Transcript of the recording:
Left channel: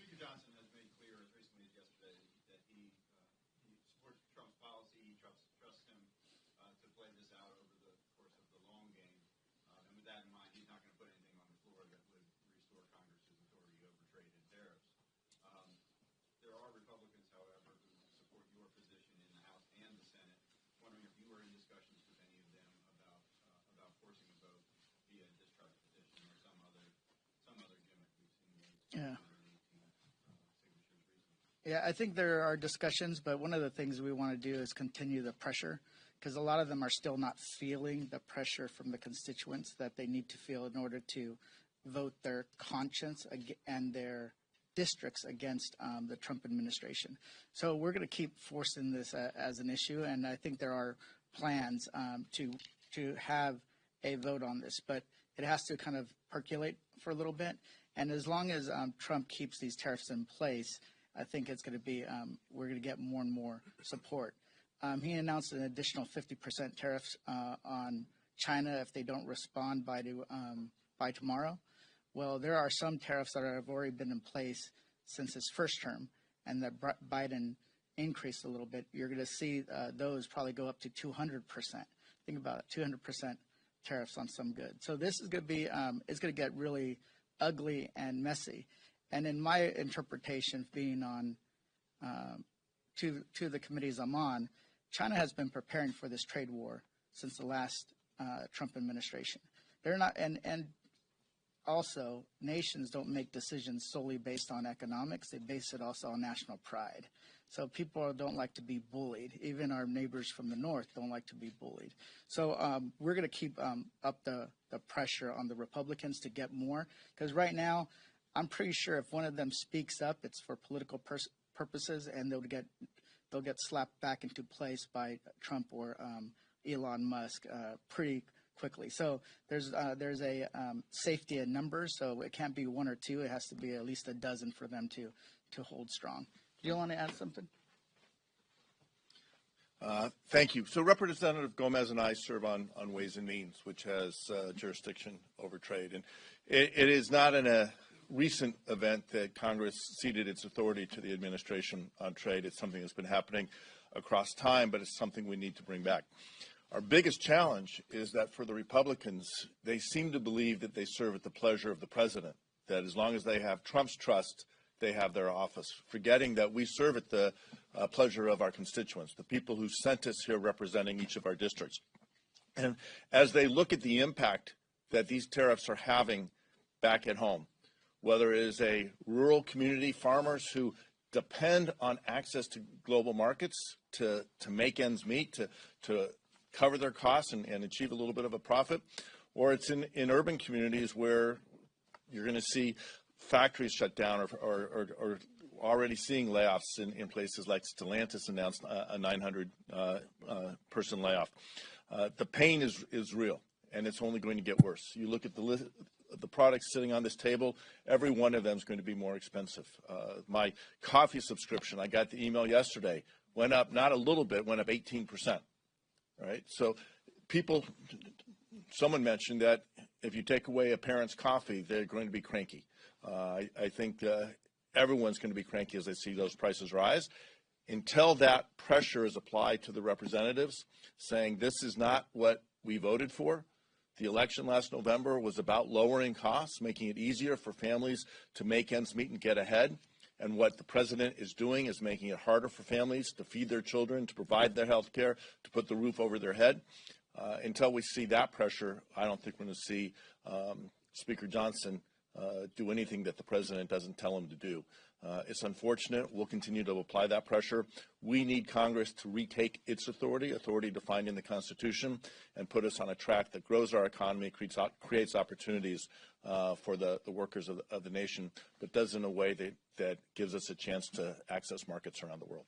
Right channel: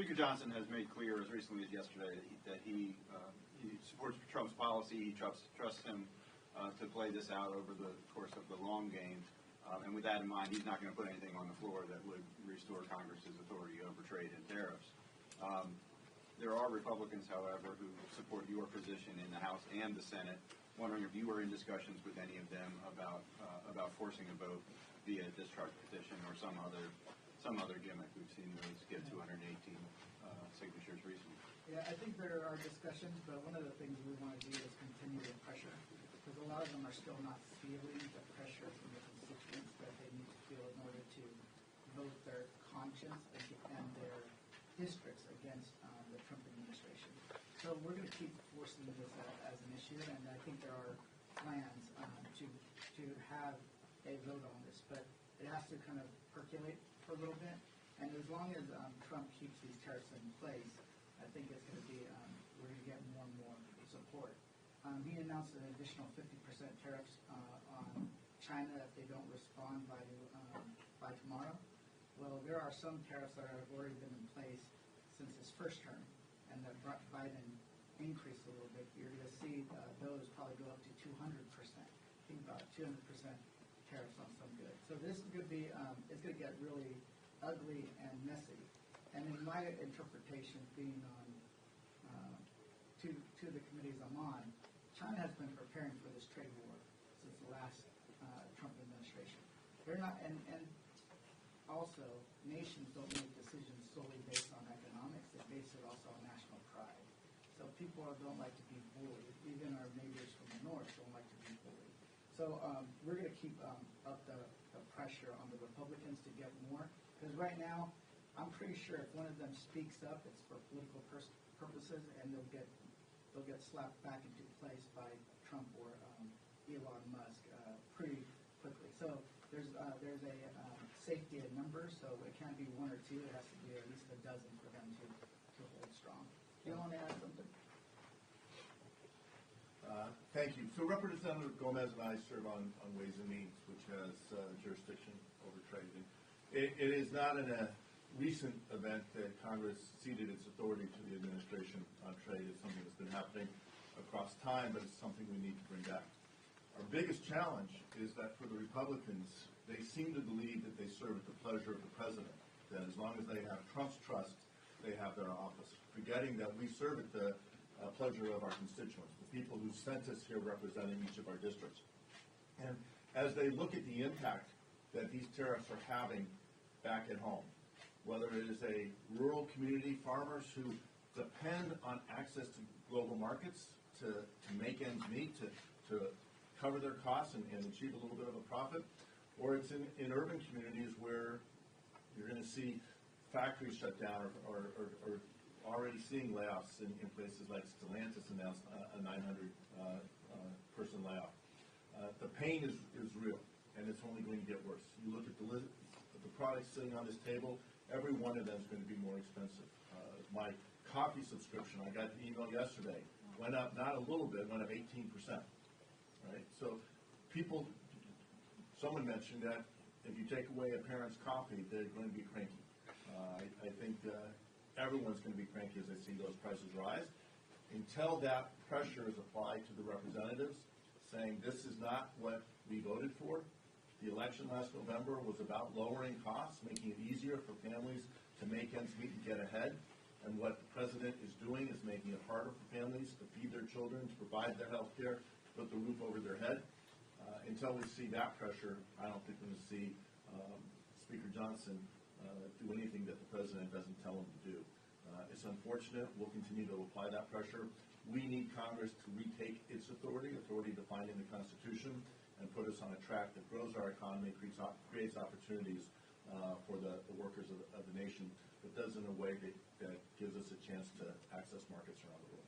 Speaker Johnson has made clear as recently as yesterday that he supports Trump's policy. He trusts him to play this out over the course of the long game. And with that in mind, he's not going to put anything on the floor that would restore Congress's authority over trade and tariffs. There are Republicans, however, who support your position in the House and the Senate. Wondering if you were in discussions with any of them about forcing a vote via discharge petition or some other gimmick. We've seen those get 218 signatures recently. Yeah, I think there are discussions, but one of the things we want to do is continue the pressure, because a lot of them are still not feeling the pressure from the constituents that they need to feel in order to vote their conscience and their districts against the Trump administration. So we're going to keep forcing this as an issue, and I think there are plans to have a vote on this, but it has to kind of percolate for a little bit. And as long as Trump keeps these tariffs in place, I think it's going to be, we're going to get more and more support. He announced an additional 50% tariffs on China if they don't respond by tomorrow. Well, there are some tariffs that have already been in place since his first term, and that Biden increased a little bit. You're going to see those probably go up to 200%. Think about it, 200% tariffs on some goods. So this is going to be, it's going to get really ugly and messy. And in my interpretation, being on two of the committees I'm on, China has been preparing for this trade war since the last Trump administration. They're not, and also nations don't make decisions solely based on economics. They base it also on national pride. So people don't like to be bullied. Even our neighbors from the north don't like to be bullied. So we're going to keep up the pressure on the Republicans to get more, because right now, I'm pretty sure if one of them speaks up, it's for political purposes, and they'll get slapped back into place by Trump or Elon Musk pretty quickly. So there's a safety in numbers, so it can't be one or two. It has to be at least a dozen for them to hold strong. Do you want to add something? Thank you. So Representative Gomez and I serve on Ways and Means, which has jurisdiction over trade. And it is not in a recent event that Congress ceded its authority to the administration on trade. It's something that's been happening across time, but it's something we need to bring back. Our biggest challenge is that for the Republicans, they seem to believe that they serve at the pleasure of the president, that as long as they have Trump's trust, they have their office, forgetting that we serve at the pleasure of our constituents, the people who sent us here representing each of our districts. And as they look at the impact that these tariffs are having back at home, whether it is a rural community, farmers who depend on access to global markets to make ends meet, to cover their costs and achieve a little bit of a profit, or it's in urban communities where you're going to see factories shut down or already seeing layoffs in places like Stellantis announced a 900 person layoff. The pain is real, and it's only going to get worse. You look at the list, the products sitting on this table, every one of them is going to be more expensive. My coffee subscription, I got the email yesterday, went up not a little bit, went up 18%. Right? So someone mentioned that if you take away a parent's coffee, they're going to be cranky. I think everyone's going to be cranky as they see those prices rise. Until that pressure is applied to the representatives, saying this is not what we voted for. The election last November was about lowering costs, making it easier for families to make ends meet and get ahead. And what the president is doing is making it harder for families to feed their children, to provide their health care, to put the roof over their head. Until we see that pressure, I don't think we're going to see Speaker Johnson do anything that the president doesn't tell him to do. It's unfortunate. We'll continue to apply that pressure. We need Congress to retake its authority defined in the Constitution, and put us on a track that grows our economy, creates opportunities for the workers of the nation, but does it in a way that gives us a chance to access markets around the world.